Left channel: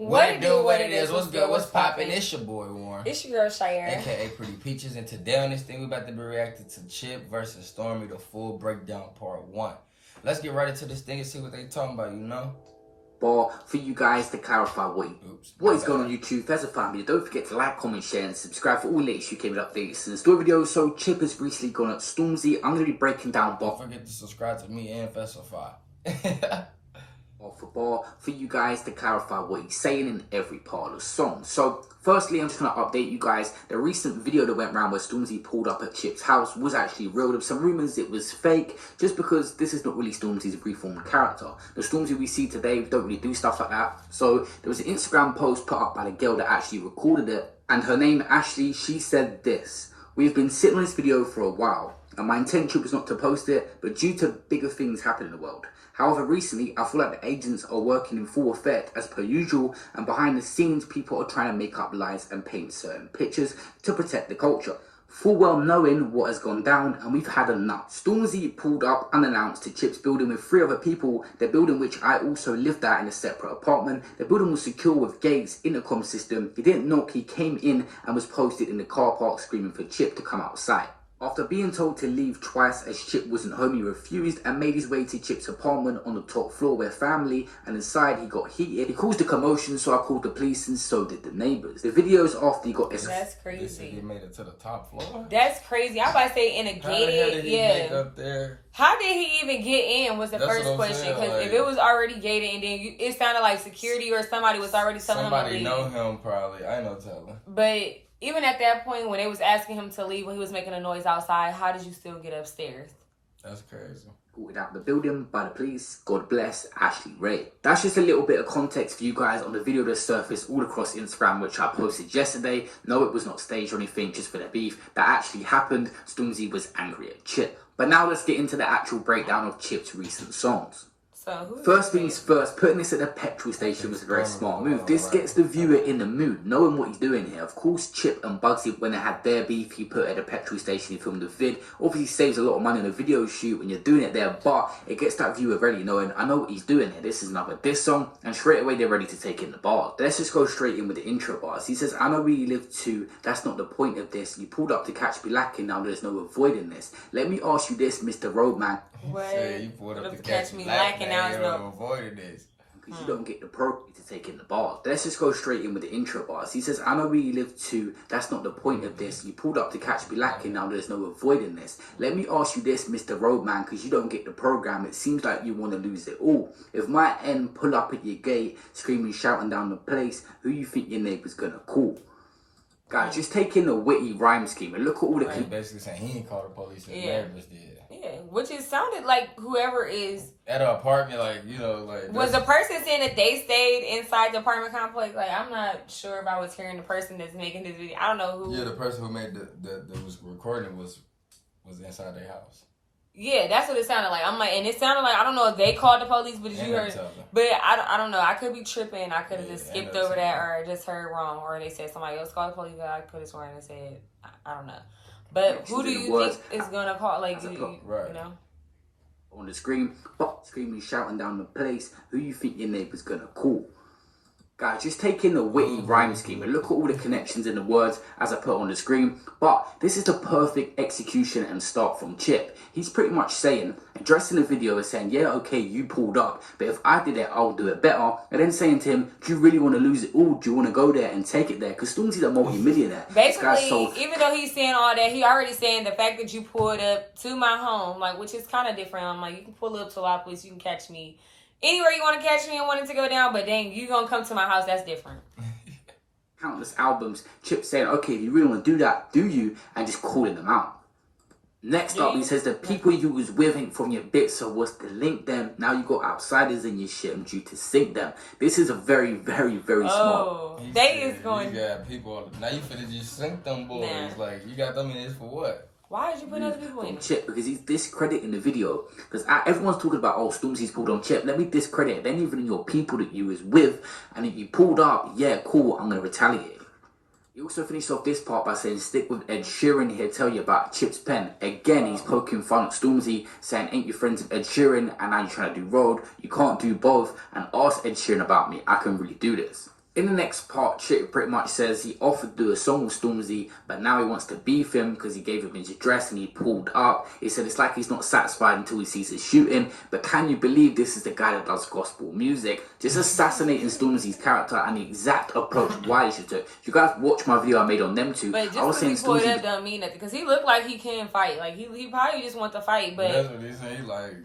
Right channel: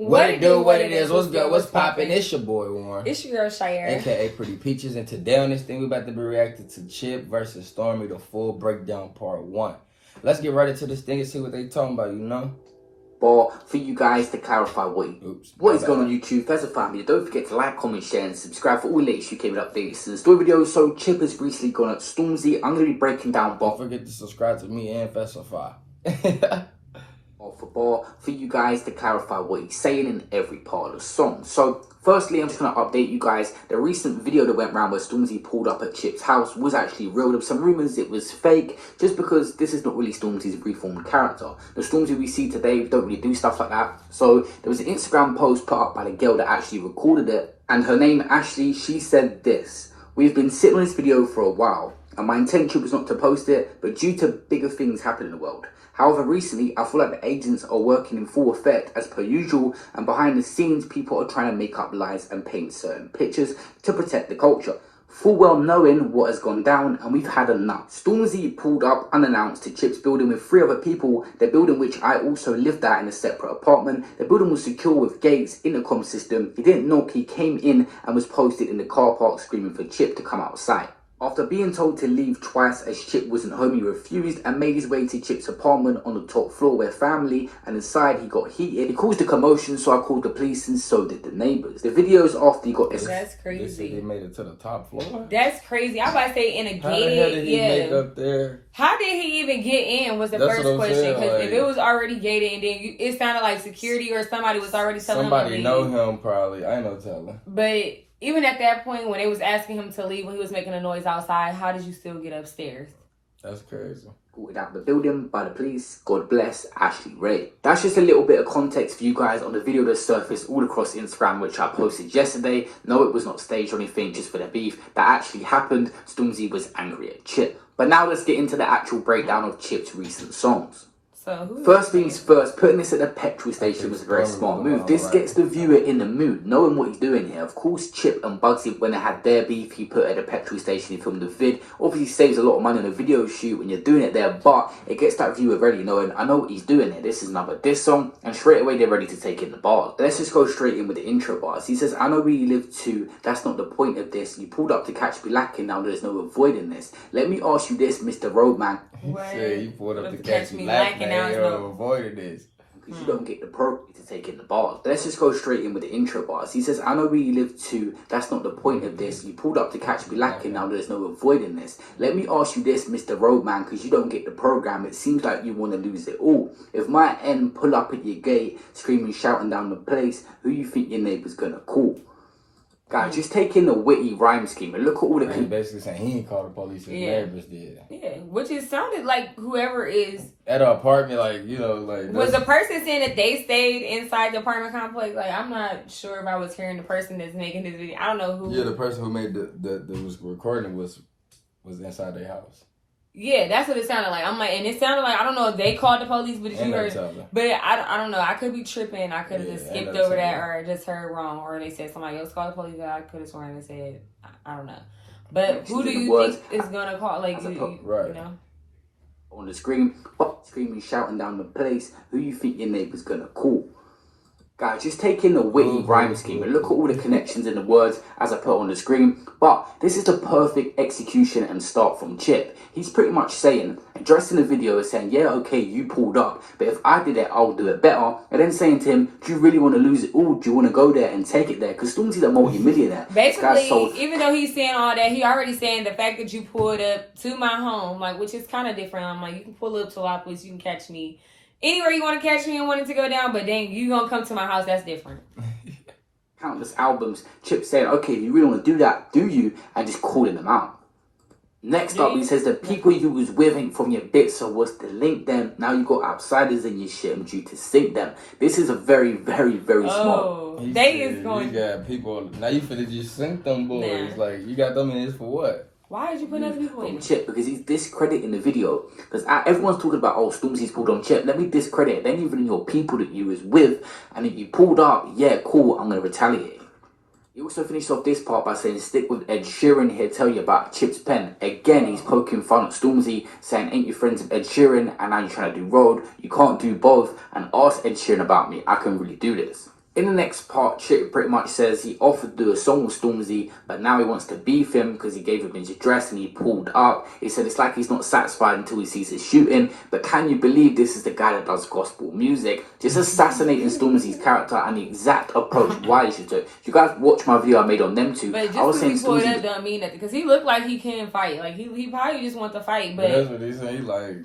What it do, what it is, what's good, what's poppin'? It's your boy, Warren. It's your girl, Shiaira. AKA Pretty Peaches. And today on this thing, we about to be reacting to Chip versus Stormzy, the full breakdown part 1. Let's get right into this thing and see what they talking about, you know? But for you guys to clarify what is going on YouTube, there's a family. Don't forget to like, comment, share, and subscribe for all latest UK updates and story videos. So Chip has recently gone at Stormzy. I'm going to be breaking down. Don't forget to subscribe to me and Festify. For you guys to clarify what he's saying in every part of the song. So firstly, I'm just going to update you guys. The recent video that went around where Stormzy pulled up at Chip's house was actually real. There were some rumours it was fake, just because this is not really Stormzy's reformed character. The Stormzy we see today, we don't really do stuff like that. So there was an Instagram post put up by the girl that actually recorded it, and her name Ashley. She said this: "We've been sitting on this video for a while, and my intention was not to post it, but due to bigger things happening in the world. However, recently, I feel like the agents are working in full effect as per usual, and behind the scenes, people are trying to make up lies and paint certain pictures to protect the culture. Full well knowing what has gone down, and we've had enough." Stormzy pulled up unannounced to Chip's building with 3 other people, the building which I also lived at in a separate apartment. The building was secure with gates, intercom system. He didn't knock, he came in and was posted in the car park screaming for Chip to come outside. After being told to leave twice as Chip wasn't home, he refused and made his way to Chip's apartment on the top floor where family, and inside he got heated. He caused a commotion, so I called the police and so did the neighbours. The videos after he got... That's crazy. They said he made it to the top floor? That's crazy. I'm about to say in a gated... How the hell did he make up there? How did he even get in was the first question. Because if it was already gated and then it sounded like security or somebody was already telling him. Somebody know him probably. I ain't no telling. But... even at that point, when they was asking him to leave, when he was making a noise outside, how did you still get upstairs? That's crazy. Pulled out the building by the police. God bless Ashley Ray. That's just a little bit of context for you guys on the video that surfaced all across Instagram, which I posted yesterday. No, it was not staged or anything, just for the beef that actually happened. Stormzy was angry at Chip. But now let's get into the actual breakdown of Chip's recent songs. First things first, putting this at the petrol station was a very smart move. This gets the viewer in the mood, knowing what he's doing here. Of course, Chip and Bugsy, when they had their beef, he put it at a petrol station, he filmed the vid. Obviously saves a lot of money on a video shoot when you're doing it there, but it gets that viewer ready, knowing, I know what he's doing here. This is another diss song, and straight away they're ready to take in the bars. Let's just go straight in with the intro bars. He says, "I know where you live too, that's not the point of this. You pulled up to catch me lacking, now there's no avoiding this. Let me ask you this, Mr. Roadman." He said, "You pulled up to catch me lacking, now there's no avoiding this." Because you don't get the property to take in the bars. Let's just go straight in with the intro bars. He says, "I know where you live too, that's not the point of this. You pulled up to catch me lacking, now there's no avoiding this. Let me ask you this, Mr. Roadman, because you don't get the program. It seems like you want to lose it all. If my end pull up at your gate, screaming, shouting down the place, who you think your neighbor's gonna call?" Guys, just take in the witty rhyme scheme and look at all the... He's basically saying he ain't called the police, his neighbors did. Yeah, which it sounded like whoever is... at an apartment, like, you know, like... was the person saying that they stayed inside the apartment complex? Like, I'm not sure if I was hearing the person that's making this video. I don't know who... yeah, the person who made that was recording was inside their house. Yeah, that's what it sounded like. I'm like, and it sounded like, I don't know if they called the police, but you heard, but I don't know. I could be tripping. I could have just skipped over that or just heard wrong, or they said somebody else called the police. I could have sworn they said, I don't know. But who do you think is gonna call? Like, you know, on the screen, screaming, shouting down the place, who you think your neighbor's gonna call? Guys, just take in the witty rhyme scheme and look at all the connections in the words as I put on the screen. But this is the perfect execution and start from Chip. He's pretty much saying, addressing the video is saying, yeah, okay, you pulled up, but if I did it, I'll do it better. And then saying to him, do you really want to lose it all? Do you want to go there and take it there? Because Stormzy's a multi-millionaire. Basically, even though he's saying all that, he already saying the fact that you pulled up to my home, like, which is kind of different. I'm like, you can pull up to a lot of places, you can catch me anywhere you want to catch me and wanting to go down, but then you gonna come to my house, that's different. Countless albums, Chip saying, okay, you really want to do that, do you? And just calling them out. Next up, he says the people you was with ain't from your bit, so what's to link them? Now you got outsiders in your shit and due to sink them. This is a very, very, very small. They is going. You got people, now you finna just sink them boys. Nah. Like, you got them in this for what? Why did you put other people in? Chip, because he's discrediting the video. Because everyone's talking about, oh, Stormzy's pulled on Chip. Let me discredit it. Then even your people that you was with, and if you pulled up, yeah, cool, I'm going to retaliate. He also finished off this part by saying, stick with Ed Sheeran, he'll tell you about Chip's pen. Again, he's poking fun at Stormzy, saying, ain't you friends with Ed Sheeran, and now you're trying to do road. You can't do both, and ask Ed Sheeran about me. I can really do this. In the next part, Chip pretty much says he offered to do a song with Stormzy, but now he wants to beef him because he gave him his address and he pulled up. He said it's like he's not satisfied until he sees his shooting. But can you believe this is the guy that does gospel music? Just assassinating Stormzy's character and the exact approach Wiley should do. If you guys watch my video I made on them two, but just because he pulled up don't mean nothing. Because he looked like he can fight. Like he probably just want to fight. But that's what he said. He like.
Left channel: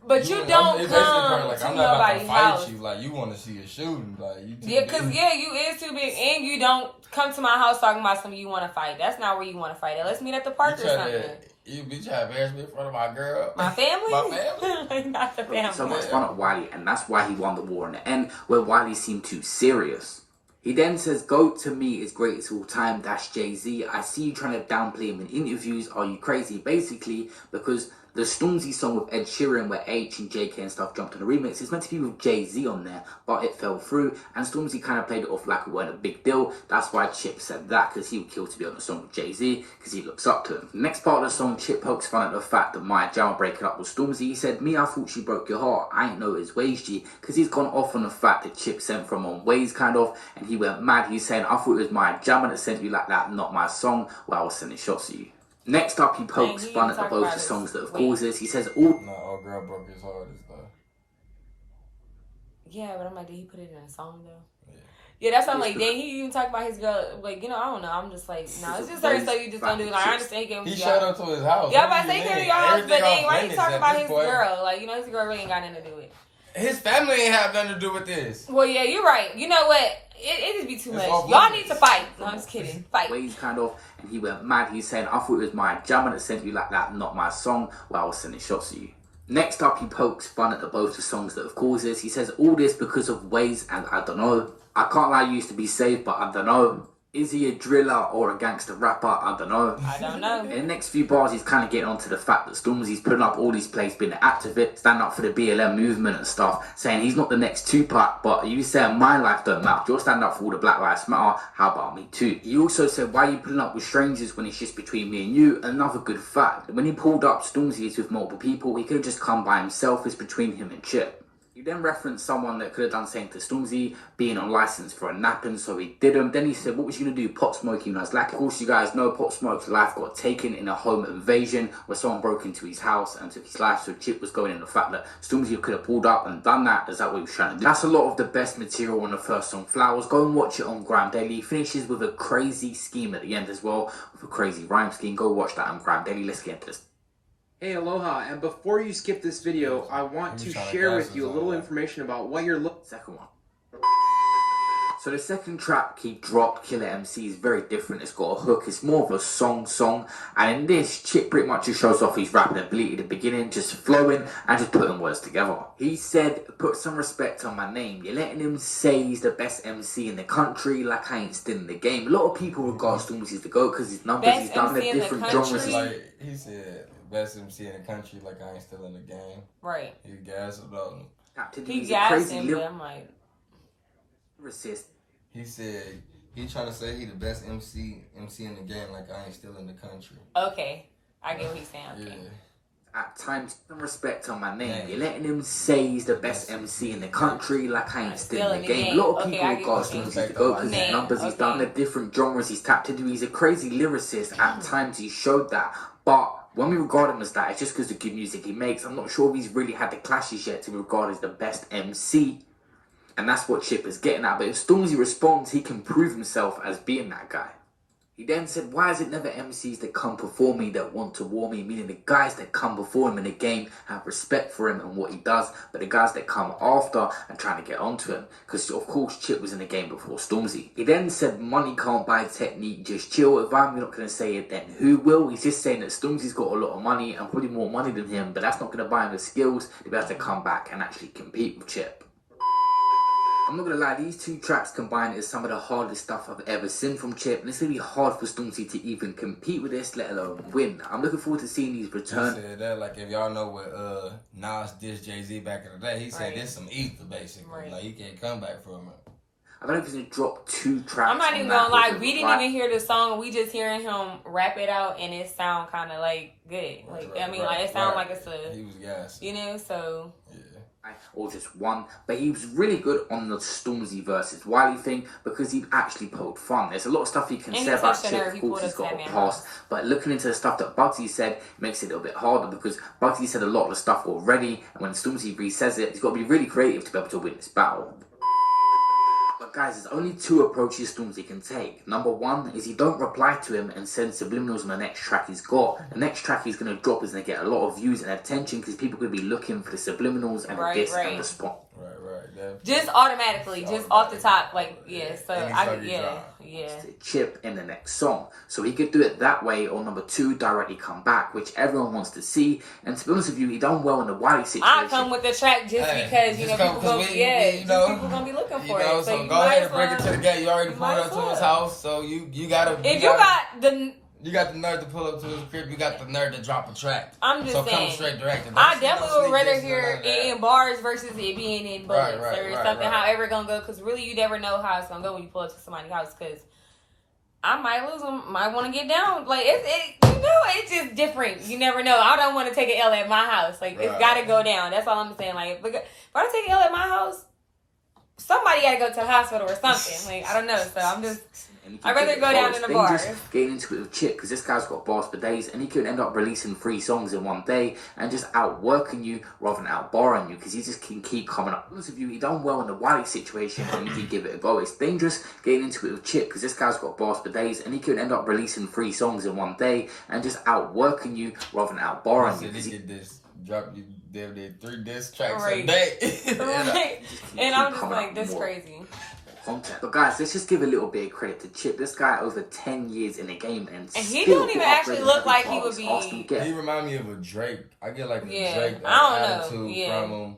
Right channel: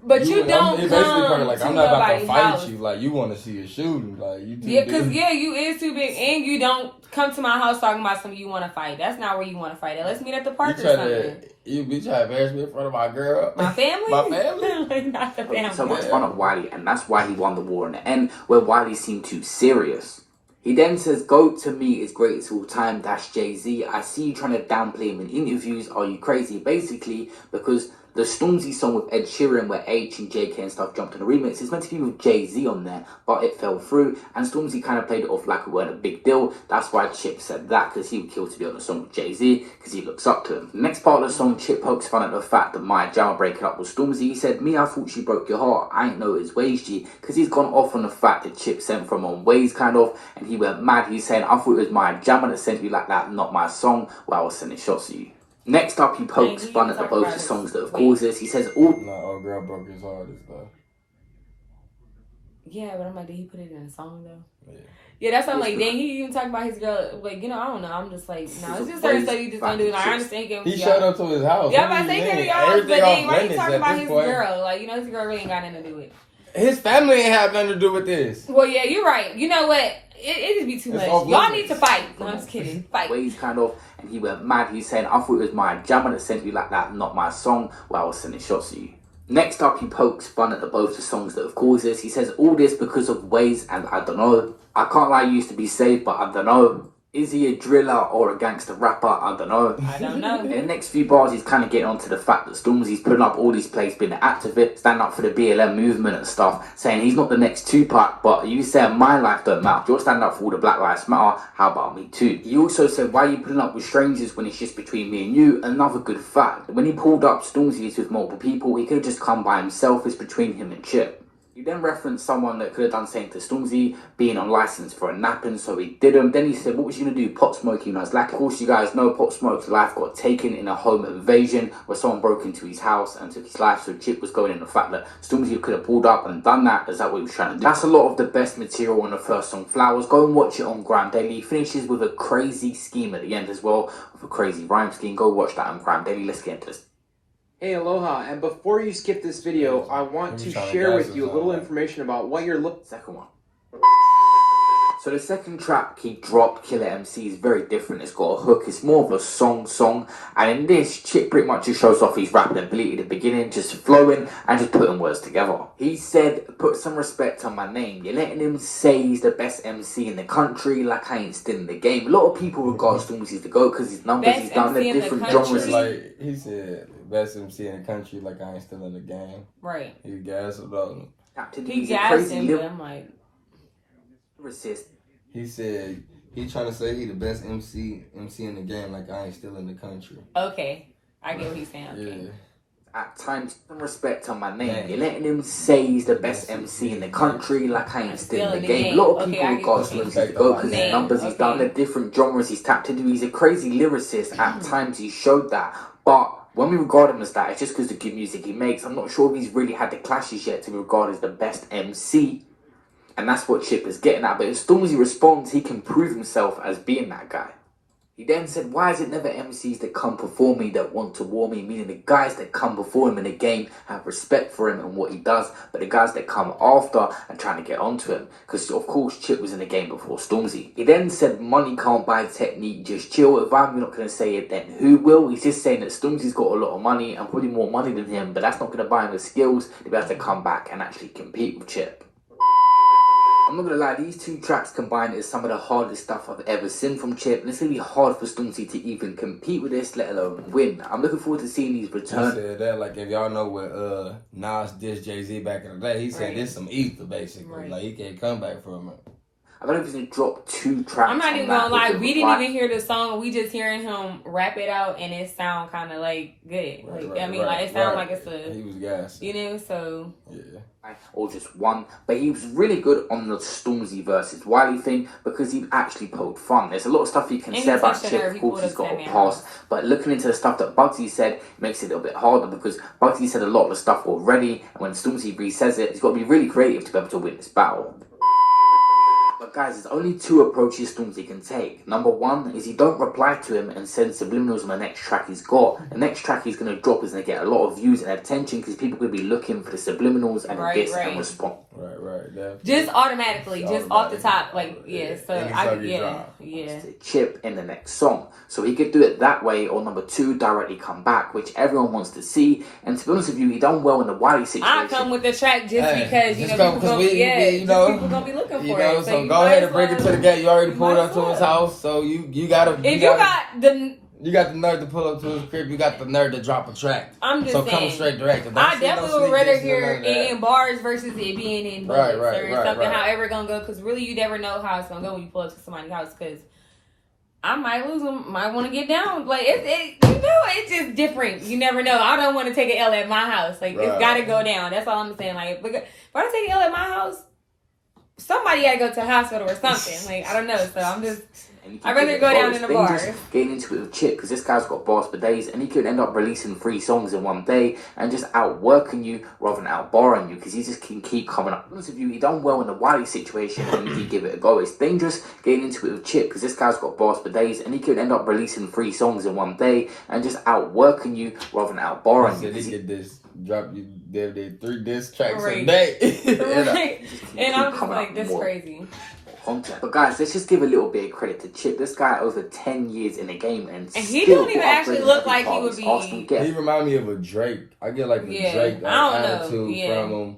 But you don't it's come basically like, to I'm not about to fight house. you. Like, you want to see a shooting. Like, you too Yeah, because, big. you is too big. And you don't come to my house talking about something you want to fight. That's not where you want to fight at. Let's meet at the park or something. You be trying to embarrass me in front of my girl. My family? My family? Like, not the family. So much fun of Wiley, and that's why he won the war in the end, where Wiley seemed too serious. He then says, "GOAT to me is greatest of all time, that's Jay-Z. I see you trying to downplay him in interviews. Are you crazy?" Basically, because the Stormzy song with Ed Sheeran, where H and JK and stuff jumped on the remix, is meant to be with Jay-Z on there, but it fell through, and Stormzy kind of played it off like it weren't a big deal. That's why Chip said that, because he would kill to be on the song with Jay-Z, because he looks up to him. The next part of the song, Chip pokes fun at the fact that Warren&Shiaira breaking up with Stormzy. He said, "Me, I thought she broke your heart. I ain't know it was Ways, G," because he's gone off on the fact that Chip sent from on Ways, kind of, and he went mad. He's saying, "I thought it was Warren&Shiaira that sent you like that, not my song, where I was sending shots at you." Next up, he pokes fun at the both the songs that have caused this. He says, No, girl broke his heart and stuff. Yeah, but I'm like, did he put it in a song, though? Yeah. Yeah, that's what I'm like. Then he even talking about his girl. Like, I don't know. I'm just like, no, it's just certain stuff you just don't do. Like, I understand. He showed up to his house. Yeah, but I say y'all, everything off why you limits talking at about this his point. girl? Like, his girl really ain't got nothing to do with it. His family ain't have nothing to do with this. Well, yeah, you're right. You know what? It just be too much. Y'all need to fight. No, I'm just kidding. Fight. Ways, kind of. He went mad. He said, "I thought it was Warren&Shiaira that sent you like that, not my song, where I was sending shots at you." Next up, he pokes fun at both the songs that have caused this. He says, "All this because of Ways, and I don't know. I can't lie, you used to be safe, but I don't know. Is he a driller or a gangster rapper? I don't know." I don't know. In the next few bars, he's kind of getting onto the fact that Stormzy's putting up all these plays, being an activist, standing up for the BLM movement and stuff, saying he's not the next Tupac, but you said my life don't matter. You're standing up for all the Black Lives Matter, how about me too? He also said, "Why are you putting up with strangers when it's just between me and you?" Another good fact, when he pulled up Stormzy's with multiple people, he could have just come by himself. It's between him and Chip. You then referenced someone that could have done something to Stormzy, being on license for a napping, so he didn't. Then he said, "What was you going to do? Pop Smoke, you know?" It's like, of course, you guys know Pop Smoke's life got taken in a home invasion where someone broke into his house and took his life. So Chip was going in the fact that Stormzy could have pulled up and done that. Is that what he was trying to do? That's a lot of the best material on the first song, Flowers. Go and watch it on Grime Daily. He finishes with a crazy scheme at the end as well, with a crazy rhyme scheme. Go watch that on Grime Daily. Let's get into this. Hey, aloha, and before you skip this video, I want to share with you a little information about what you're looking. Second one. So the second track he dropped, Killer MC, is very different. It's got a hook. It's more of a song. And in this, Chip pretty much just shows off his rapping ability at the beginning, just flowing and just putting words together. He said, "Put some respect on my name. You're letting him say he's the best MC in the country, like I ain't still in the game." A lot of people regard Stormzy as the GOAT because his numbers, he's done the different genres. Like he said, best MC in the country, like I ain't still in the game. Right. He gassed about him. He gassed him, but I'm like... He said he trying to say he the best MC in the game, like I ain't still in the country. Okay, I get what he's saying. Yeah. At times, some respect on my name. You're letting him say he's the best MC in the country, like I ain't still in the game. A lot of people regard him as the GOAT because his numbers, he's done the different genres he's tapped into. He's a crazy lyricist. At times, he showed that, but when we regard him as that, it's just because of the good music he makes. I'm not sure if he's really had the clashes yet to be regarded as the best MC. And that's what Chip is getting at. But if Stormzy responds, he can prove himself as being that guy. He then said, "Why is it never MCs that come before me that want to war me?" Meaning the guys that come before him in the game have respect for him and what he does, but the guys that come after and trying to get onto him. Because of course Chip was in the game before Stormzy. He then said, "Money can't buy technique, just chill. If I'm not going to say it, then who will?" He's just saying that Stormzy's got a lot of money and probably more money than him, but that's not going to buy him the skills to be able to come back and actually compete with Chip. I'm not gonna lie, these two tracks combined is some of the hardest stuff I've ever seen from Chip, and it's gonna be hard for Stormzy to even compete with this, let alone win. I'm looking forward to seeing these return. He said that, like, if y'all know what Nas dissed Jay-Z back in the day, he said this some ether, basically. Like, he can't come back from it. I don't know if he's gonna drop 2 tracks. I'm not even gonna lie, we didn't even hear the song, we just hearing him rap it out, and it sound kind of like good. Like, I mean, like, it sound like it's a... He was gassed. You know, so... Yeah. or just one, but he was really good on the Stormzy versus Wiley thing because he actually poked fun. There's a lot of stuff you can say about Chip, of course he's got a past, but looking into the stuff that Bugsy said makes it a little bit harder because Bugsy said a lot of the stuff already, and when Stormzy re-says it, he's got to be really creative to be able to win this battle. But guys, there's only two approaches Stormzy can take. Number one is you don't reply to him and send subliminals on the next track he's got. The next track he's going to drop is going to get a lot of views and attention because people will be looking for the subliminals and and respond. Right. Just automatically, just off the top, like, yeah. So Chip in the next song. So he could do it that way, or number two, directly come back, which everyone wants to see. And to be honest with you, he done well in the Wiley situation. I come with the track just because, you know, people gonna be looking for it. So go ahead and bring it to the gate. You already pulled up to his house, so you got the nerve to pull up to his crib. You got the nerve to drop a track. I'm just saying. So come straight direct. I definitely would rather hear it in bars versus it being in bullets or something. However it's gonna go, because really you never know how it's gonna go when you pull up to somebody's house. Because I might lose them, might want to get down. Like it's just different. You never know. I don't want to take an L at my house. Like it's gotta go down. That's all I'm saying. Like if I take an L at my house, somebody gotta go to the hospital or something. Like I don't know. So I'd rather go down in the bar. Getting into it with Chip, because this guy's got bars for days, and he could end up releasing 3 songs in one day and just outworking you rather than outbarring you, because he just can keep coming up. Most of you, he done well in the Wiley situation when he did give it a go. It's dangerous getting into it with Chip, because this guy's got bars for days, and he could end up releasing 3 songs in one day and just outworking you rather than outbarring you. He could just drop you 3 diss tracks a day. And I'm just like, this crazy. But guys, let's just give a little bit of credit to Chip. This guy over 10 years in the game, and he don't even actually look like he would be. He remind me of a Drake. I get like a Drake attitude from him.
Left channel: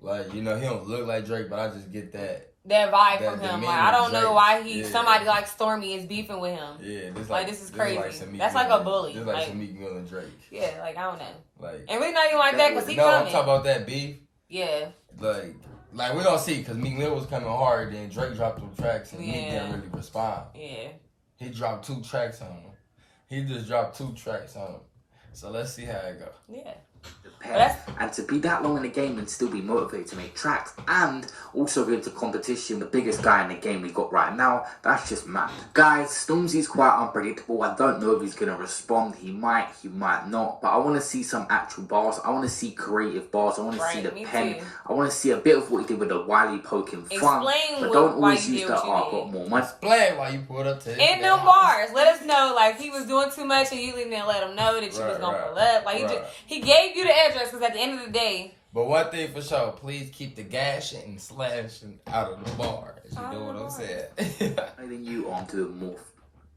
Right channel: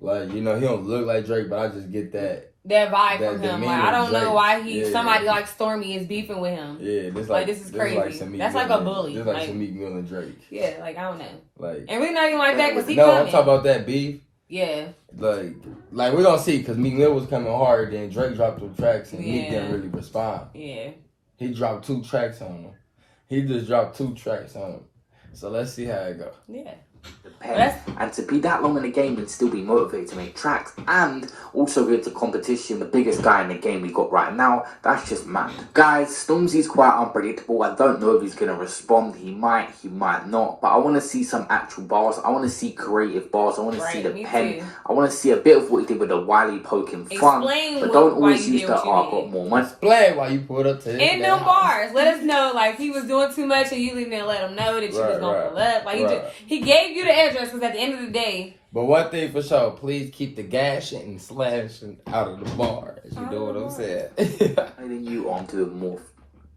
Like, you know, he don't look like Drake, but I just get that vibe from him. Like, I don't know why somebody like Stormy is beefing with him. Yeah, this is crazy. That's like a bully. This like some Meek Mill and Drake. Yeah, like I don't know. Like, and we not even like that because he coming. I'm talking about that beef. Yeah. Like we don't see, because Meek Mill was coming hard, then Drake dropped 2 tracks and Meek didn't really respond. Yeah. He dropped 2 tracks on him. He just dropped 2 tracks on him. So let's see how it goes. Yeah. And to be that long in the game and still be motivated to make tracks and also get to competition, the biggest guy in the game we got right now, that's just mad. Guys, Stormzy's quite unpredictable. I don't know if he's going to respond. He might not. But I want to see some actual bars. I want to see creative bars. I want to see the pen. Too. I want to see a bit of what he did with the Wiley poking fun. Explain but don't why always you use did the what you did. Explain why you pulled up to his in them bars. Let us know, like, he was doing too much and you didn't let him know that you was going to pull up. Like, he gave you the address because at the end of the day. But one thing for sure, please keep the gashing and slashing out of the bars. You know what I'm saying?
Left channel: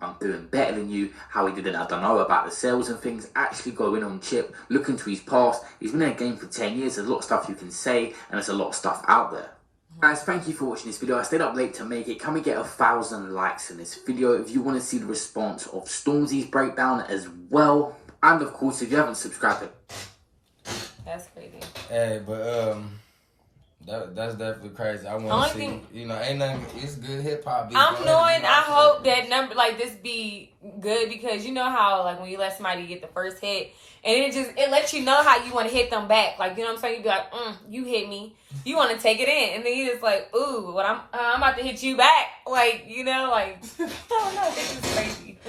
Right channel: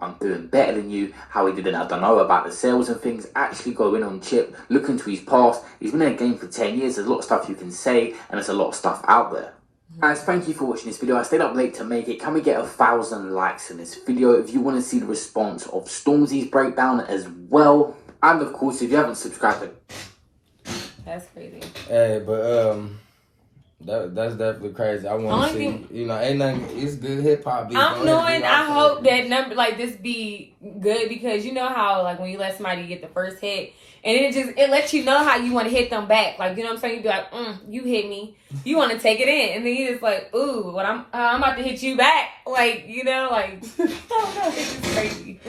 I'm doing better than you. How he did it, I don't know about the sales and things. Actually go in on Chip, look into his past. He's been in the game for 10 years. There's a lot of stuff you can say, and there's a lot of stuff out there. Guys, thank you for watching this video. I stayed up late to make it. Can we get 1,000 likes in this video if you want to see the response of Stormzy's breakdown as well? And of course, if you haven't subscribed, that's crazy. Hey, but that's definitely crazy. I want to see, you know, ain't nothing. It's good hip hop. I hope that number like this be good, because you know how like when you let somebody get the first hit, and it lets you know how you want to hit them back. Like, you know what I'm saying? You be like, you hit me. You want to take it in, and then you just like, ooh, what I'm about to hit you back. Like, you know, like I don't know. This is crazy.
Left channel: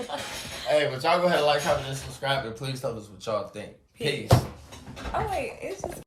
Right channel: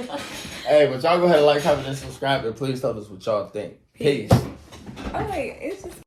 Hey, but y'all go ahead and like, comment, and subscribe, and please tell us what y'all think. Peace. All right, it's just.